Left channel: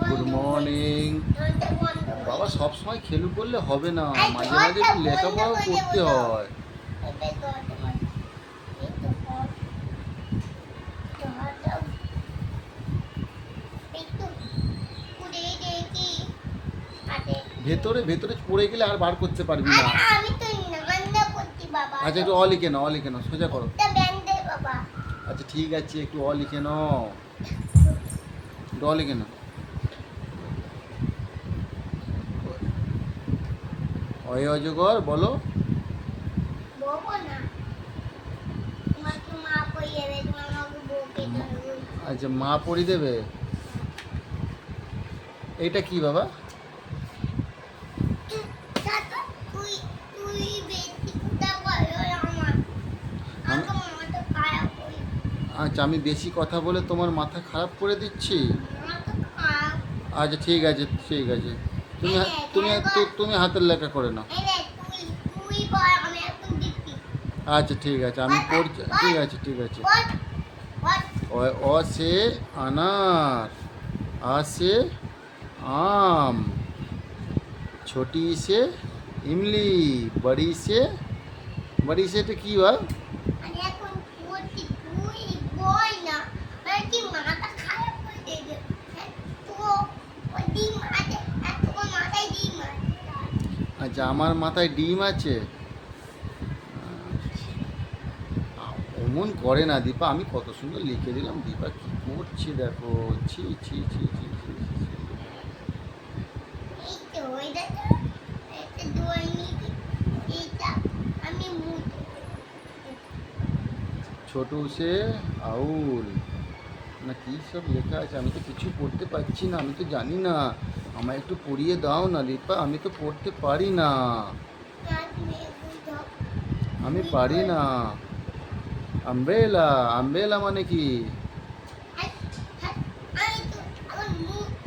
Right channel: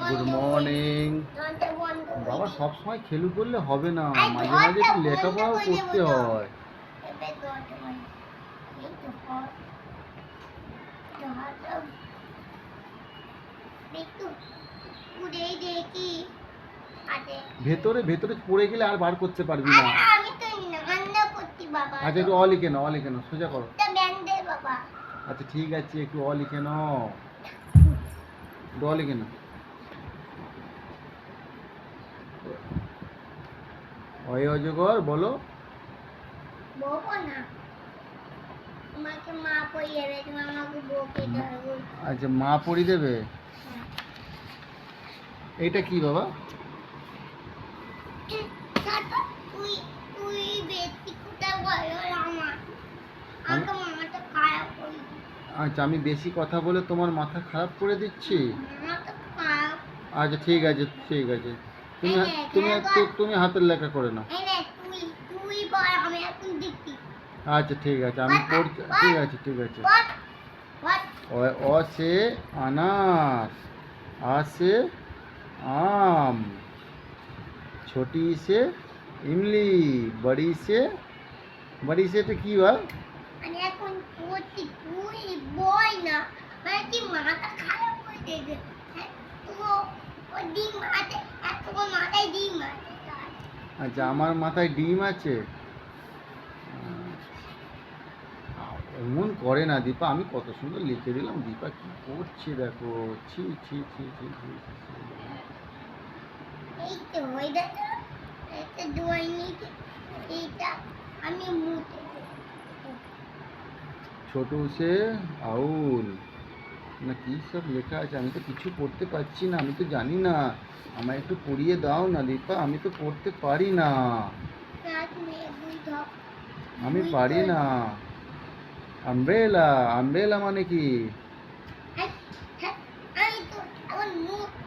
Good morning বাবা সব সময় খেলু করলে হবে না। মাঝে মাঝে একটু লেখাপড়াও করতে হয়। ভেতরে ভেতরে পড়ে গেলে আর বার করতে পারবি না। আচ্ছা একটু অ লিখে নাও অ লিখে নাও। সোজা করো। আচ্ছা ঠিক আছে একটু অ লিখে নাও। একটু কেন? অয় অজগর বলো। আচ্ছা মা পড়ি দেবে? এইটা কি বাবা দাদা তুই তুই বেশি কথা বলো আমার আমাকে মামাটা খারাপ করি আচ্ছা আমি বেশি কথা বলে তোমার মাথা খারাপ করে দিচ্ছি? আচ্ছা ঠিক আছে ঠিক আছে। তুমি তুমি তুমি হাতের লেখা করে নাও। আচ্ছা ঠিক আছে, আমি পড়ছি, ঠিক আছে ঠিক আছে। অ- সে আনার, আ, সে আম, ছোটি সে ইমলি, বড়ি সে বড়ি সে এটা কি বা পড়ছি তুই বল না। আমার কি মাথা খারাপ করে দেবে? হ্যাঁ, তো ডিম আছে আর মাথায় ডিম আছে। আচ্ছা আমার মাথায় ডিম আছে? অমন করে না দীপা। আমি কত সুন্দর লিখে দিলাম। দীপা কি করছে দেখো? ছি ছি ছি ছি ছি আমি ছোটু সে আউল। না কি সব লেখা আছে? আমি তো কিছু পড়তে পারছি না আমি তো জানি না। আমায় একটু পড়িয়ে দাও না দীপা আমি তো পড়তে পারি না। আমি পারি না। আমব্রেলা আমব্রেলা মানে কি?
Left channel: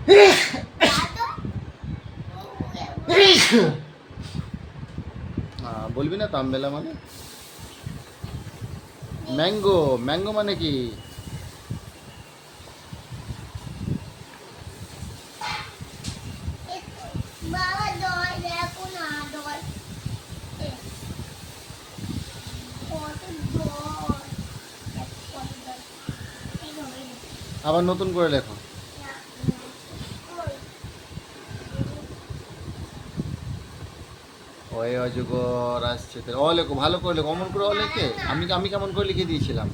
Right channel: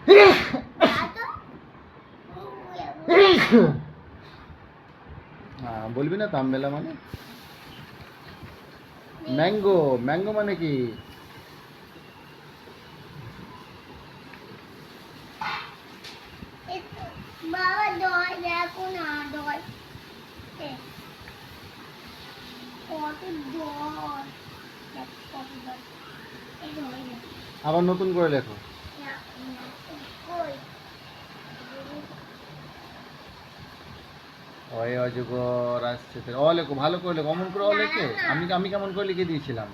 বলবি না তো আমব্রেলা মানে? ম্যাঙ্গো ম্যাঙ্গো মানে কি? আবার নতুন করে লেখো না, কই? অয় অজগর আসছে তো অ লেখো ভালো করে লেখো অমন করে অ লেখে আমি আমি কেমন করে লিখে দিয়েছিলাম?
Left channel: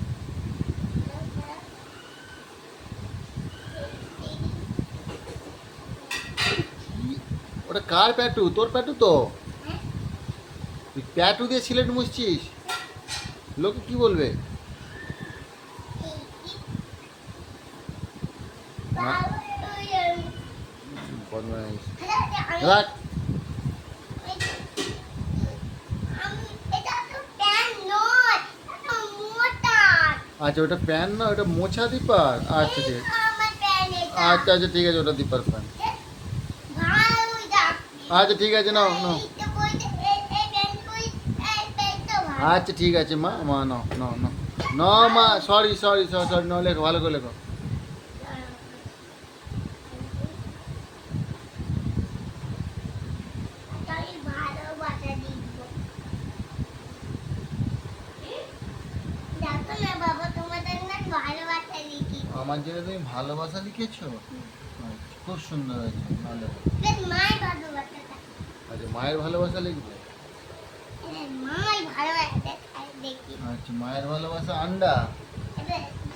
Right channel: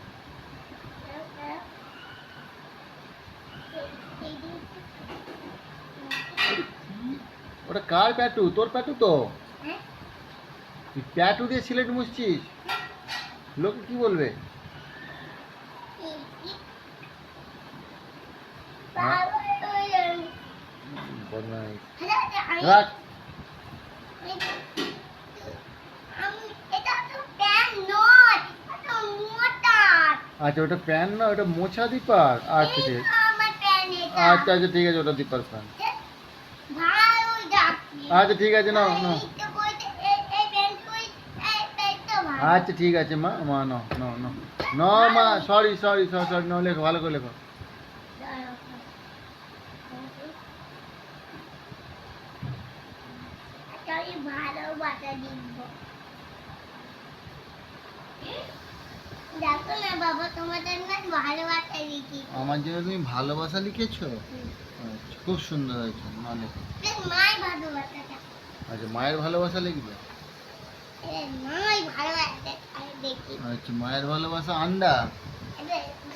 ওটা কার প্যাটু? তোর প্যাটু তো? তুই প্যাটু দিয়ে সিলেট মুছছিস? লোকে কি বলবে? বদমাইশ। হ্যাঁ, রাখ। আমি এটা তো প্যান নয় এটা মোটা আচ্ছা ওটা প্যান না? ওটা মোছা দিপার? আচ্ছা ঠিক আছে। আচ্ছা আচ্ছা ঠিক আছে ওটা দিপার প্যান। আচ্ছা ঠিক আছে নাও নাও। আচ্ছা ঠিক আছে মা মা নাও নাও নাও। ন মা সরি সরি সরি সরি নাও লেখো ভালো করে লেখো আমি ভালোবাসা দিব দেখো না বাবা তোমাদের না ভালোবাসা লিখি আমার জন্য তুমি ভালোবাসা লিখেছো? খুব সুন্দর হয়েছে ভালোবাসাটা। আচ্ছা মায়ের ভালোবাসা লিখবে? আচ্ছা মায়ের ভালোবাসা আন্ডা?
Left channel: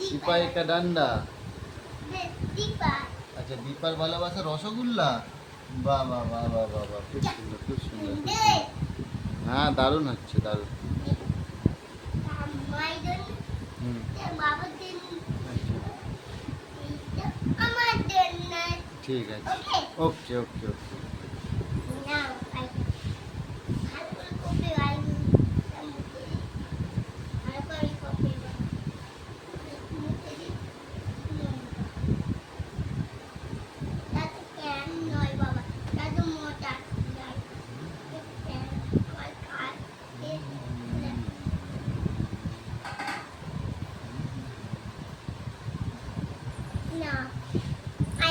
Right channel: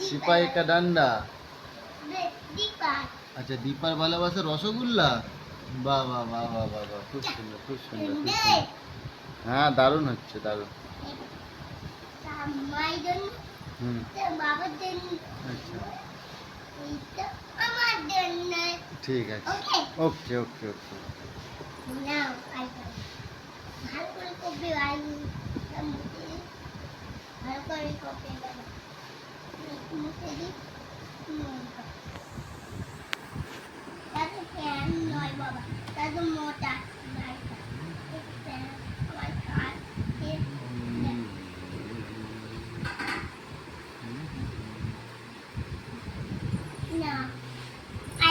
সিপাই কা ডান্ডা? আচ্ছা দীপার ভালোবাসা রসগোল্লা? বাহ বাহ বাহ বাহ খুব সুন্দর খুব সুন্দর খুব সুন্দর। হ্যাঁ দারুণ হচ্ছে দারুণ। মায়ের জন্য হুম বাবার জন্য আচ্ছা এইটা আমার জন্য ঠিক আছে ওকে ওকে ওকে ওকে নাও